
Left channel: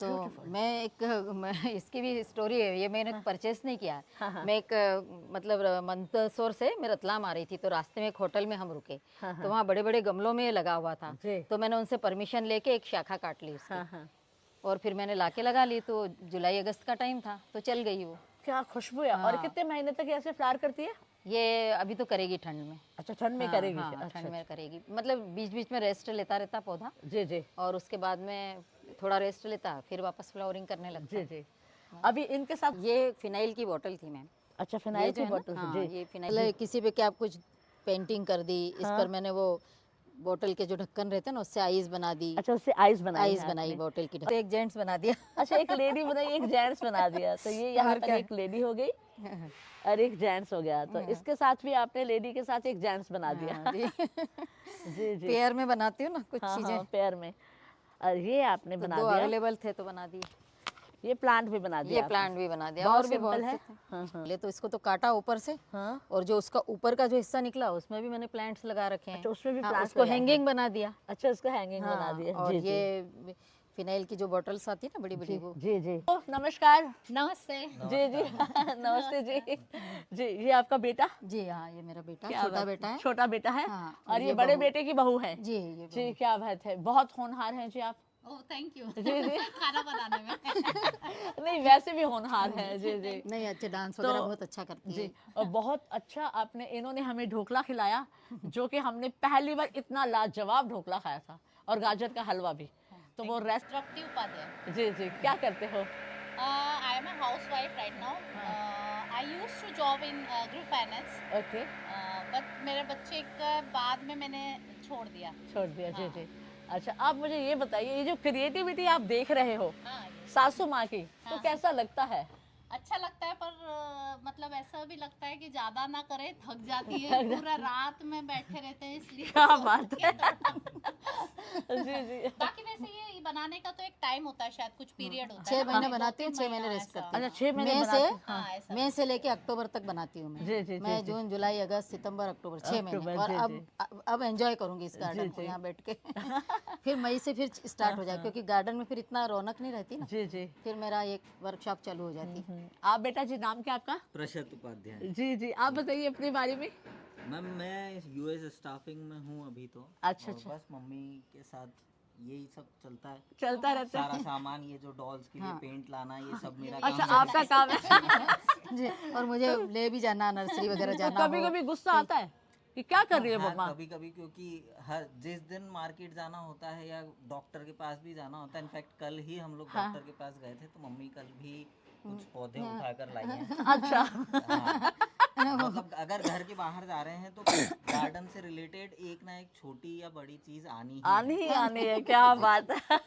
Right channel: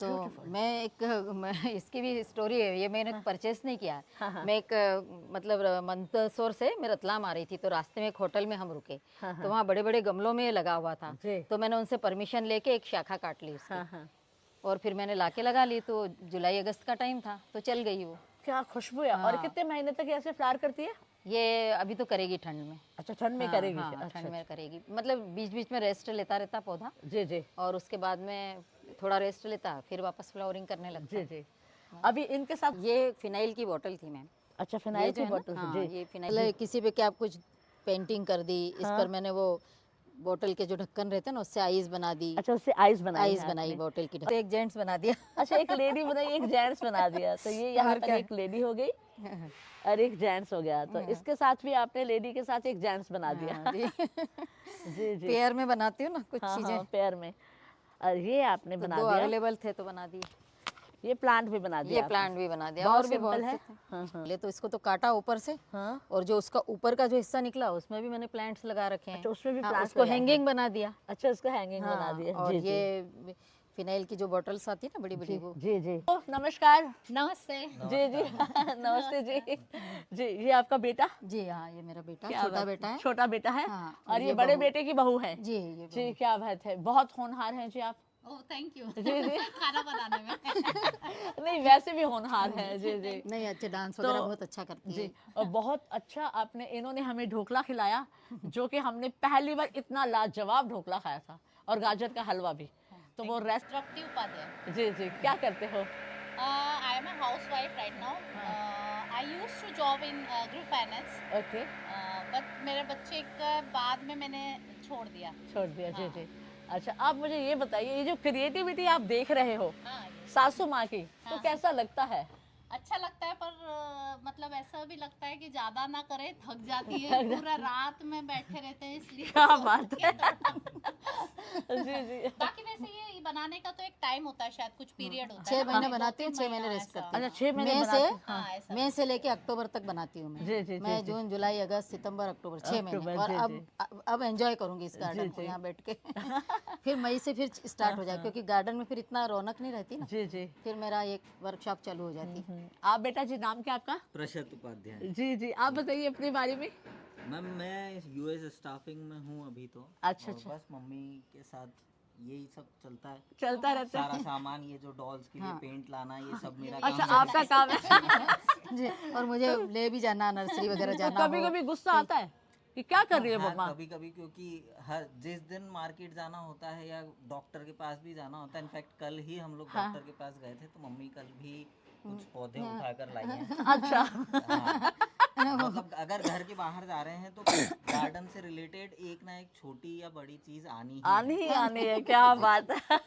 तो मैं इसकी भी स्टोरी है, ये मैंने परचेस नहीं किया। हाँ। मैं एक मतलब मंदसौर से मैं रतलाम आ रही थी, तो रास्ते में एक होटल में हम रुके, तो वहाँ बड़े बड़े गमलों में लगा हुआ था। जी। तो मैंने उनसे परमिशन लेके एक शाखा काट ली उसकी, हाँ। और फिर मैंने लाके लगा ली। तो जुलाई अगस्त का टाइम था तो चल गई वो। क्या खुशबू है। और कितने महीने तक ऐसे फ्लावर करती है? ये अभी तो करेगी ठंड में। अच्छा ठंड में हाँ, करेगी। हाँ, अच्छा ठंड में करेगी, मतलब बीच बीच में रेस्ट लेता रहता पौधा, जी जी और उसके बाद में थोड़ा रेस्ट लेता, फिर वापस फ्लावरिंग करने लगता। जी जी। अभी इनके साथ ये फिनाइल की बोतल थी मैम। अच्छा ये फिनाइल जो की है ना, बोतल हाँ, जी। ये फिनाइल किसी पे क्या आप कुछ पेंटिंग कर दी, इस पर मैंने वो बोतल के जो ढक्कन रहते हैं ना उससे आईज बना दी। अच्छा उससे आइस बनाई आईज है बनाई आपने। बोतल की, एक जेंट्स बना दिया। अच्छा एक लेडी बनाई एक जेंट्स बना दिया। तो ये यहाँ और पर क्या? एक लेडी हो गई और एक जेंट्स हो गया। तो इसके साथ भी आपने लेडी के साथ एक जेंट्स बना दिया। हाँ, जी। जी जी। पेयर में बनाती हूँ ना कुछ हाँ चीजें, हाँ पैर में। और ये आपने तो बना दो दिया। अवेलेबल थे तो बना दिए। ये प्लांट भी बना दिया ये आपने। प्लांट भी बना दिया, बहुत और भी बहुत सिंपल है। से थे। हाँ। पहले तो इसको तो काटा ऊपर से, हाँ। और जो उसका ऊपर का जो हिस्सा निकला उसमें भी मैंने प्लांट्स लगा रखे हैं। अच्छा उसमें भी हाँ, प्लांट्स उसको लगाए हैं। हैंगिंग बना दिया। अच्छा उसका हैंगिंग बना हाँ, दिया। और जी जी ये फिनाइल की जो बॉटल्स आती है ना बड़ी बड़ी, जी वो। जी जी। ओ, नमस्कार। नमस्ते। जी जी नमस्ते जी। जी ये आपका बेटा? जी हाँ, ये मेरा बेटा, क्या छोटा बात- बेटा है। छोटा बेटा है। हाँ, और ये बड़े बहू। बेटे की बहू है। जी ये जी बहू। क्या बात है, बहुत होनहार हैं जी आप। Oh thank you. जी जी खाना बनाने में। नहीं वैसे भी होनहार हैं। जी जी नहीं अच्छे डांस तो- वगैरह बहुत अच्छा करती जी। है। और बहुत अच्छा आपने, इन्होंने हमें ढोकला खिलाया जो कि हमने पहली बार इतना लाजवाब ढोकला खाया था, और गाजर का हलवा भी। तो वो रेस्ट। तृप्ति उपाध्याय। जी जी क्या करते हो? I am a housewife right now. I used to job in group finance. Okay But मेरे बच्चे के बाद में मैंने छोड़ दिया। छोड़ दिया। जी हाँ। जी। अच्छा आप मुझे ये बताइए, ये जो क्रिएटिविटी आप देख रहे हो हाँ, सासू माँ की, तो हाँ। कैसा लगता है? अच्छा लगता है, पर मतलब ऐसा भी लगता है कि ज्यादा ना करे, थक जाती है, पूरा रात में बैठे रहते हैं इसलिए। क्या सोच बात के है। तो- जी जी। बाकी वैसे ये बनाने का तो एक टाइम होता है, शायद कुछ पीरियड होता है। 6 ना, महीने दो बनाती हूँ, तीन 6 महीने महीना रेस्ट ऐसा। करती हूँ। अच्छा 6 महीने मई बनाते से हैं। हाँ, ऐसा। मई से लेके अक्टूबर तक बनाती हूँ मैं। जी, जी, मैं जी, जी। जून जुलाई अगस्त सितंबर अक्टूबर 6 महीने। अक्टूबर, और जी, अब एंजॉय करूंगी इस गार्डन को जी। यहाँ बैठ के। फिर मई से फिर स्टार्ट हो जाए, क्योंकि गार्डन में फिर इतना रौनक नहीं रहती ना, जी जी। फिर मेरा एक वर्कशॉप चालू हो जाती। आप बेटा जी, नाम क्या आपका? प्रशत उपाध्याय। जी जी आप बताइए अपने बारे में। मैम मैं यूएस स्टाफिंग में हूँ अभी तो। अच्छा, और अच्छा। बस मम्मी के साथ यही सब चलता है। चलता रहता सारा है। सामान, ये जो डॉल्स के लिए पेंट लाना, ये सब मेरा अच्छा काम आपका काम है। जी, और मुझे ले भी जाना, नर्सरी वगैरह जाना कभी हो। कभी गुस्सा आता है कि क्या कर रही है मम्मा? कभी कभी, क्योंकि हर जिस दिन मार्केट जाना होता है या डॉक्टर के पास भी जाना होता है। इनफैक्ट कल ही हम लोग डॉक्टर के पास गए थे, तो मम्मी कल भी कुछ पौधे उठाकर लाई हैं। अच्छा हाँ, मतलब अगर घर के बाहर जा रहे हैं तो गार्डन से रिलेटेड एक ना एक छोटी या बड़ी चीज आनी ही है। आनी है। क्या बात है।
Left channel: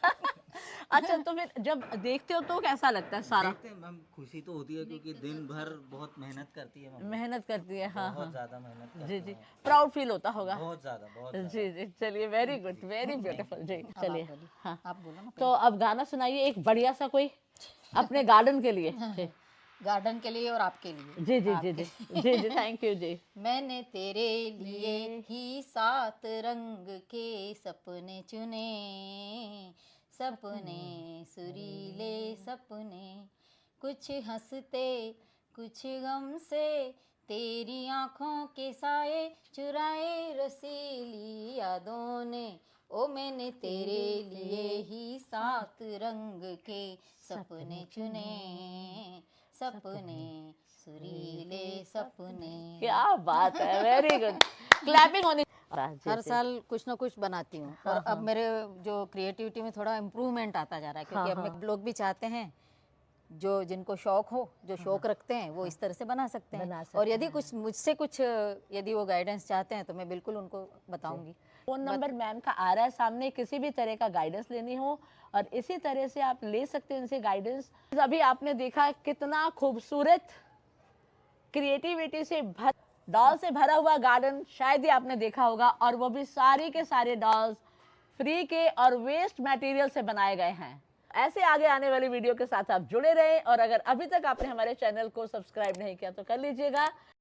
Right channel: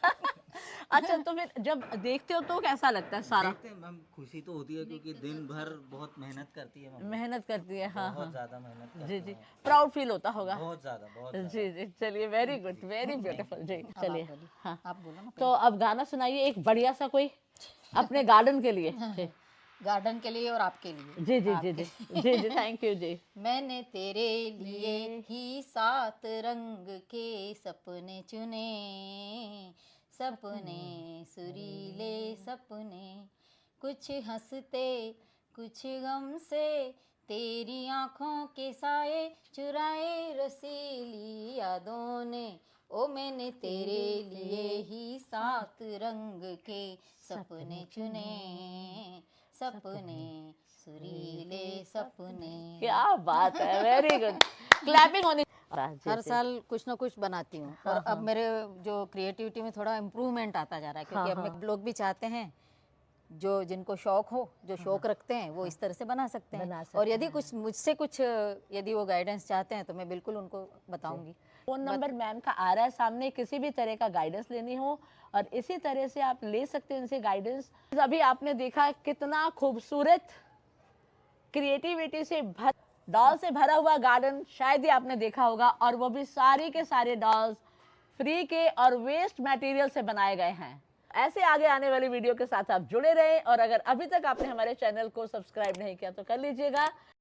अच्छा तो फिर जब देखते हो तो कैसा लगता है सारा? देखते हैं मैम, खुशी तो होती है क्योंकि दिन भर बहुत मेहनत करती है मम्मी। मेहनत करती है। हाँ बहुत हाँ ज्यादा मेहनत करती जी जी। है। प्राउड फील होता होगा। बहुत ज्यादा, बहुत ज्यादा। जी जी चलिए, वेरी गुड, वेरी ब्यूटीफुल। जी चलिए। बोलिए। हाँ आप बोलो ना। तो अब गाना सुनाइए एक बढ़िया सा कोई अपने गार्डन के लिए। जी गार्डन के लिए और आपके लिए। जी जी जी जी जी जी थैंक यू जी। मैंने तेरे लिए ही 7 रंग के सपने चुने, सपने सुरीले सपने, कुछ हंसते कुछ गम से तेरी आंखों के साए चुराए रसीली यादों ने, ओ मैंने तेरे लिए ही 7 रंग के सपने चुने, सपने सुरीले सपने। क्या बात है, वेरी गुड, क्लैपिंग होनी। हर साल कुछ ना कुछ बनाती हूँ और अब मेरे जो क्रिएटिविटी में थोड़ा इम्प्रूवमेंट आता जा रहा है, क्योंकि अब लोग भी चाहते हैं जो जिनको शौक हो, जो शौक रखते हैं, वो इस तरह से बना सकते हैं। और यदि कुछ मुझसे कुछ यदि वो गाइडेंस चाहते हैं तो मैं बिल्कुल उनको बताऊंगी। फोन नंबर मैम का आ रहा है सामने, किसी भी तरह का गाइडेंस लेनी हो और इसी तरह से आप ले सकते हैं इनसे गाइडेंस। अभी आपने देखा कितना खूबसूरत क्रिएटिविटी से डॉल से भरा हुआ गार्डन शायद ही आपने देखा होगा, और वो भी सारे के सारे डॉल्स फ्री के और वेस्ट मटेरियल से बनाए गए हैं। ऐसे आगे आने वाली वीडियो के साथ आप जुड़े रहें, और अगर अभी तक आपने हमारे चैनल को सब्सक्राइब नहीं किया तो कर लीजिएगा।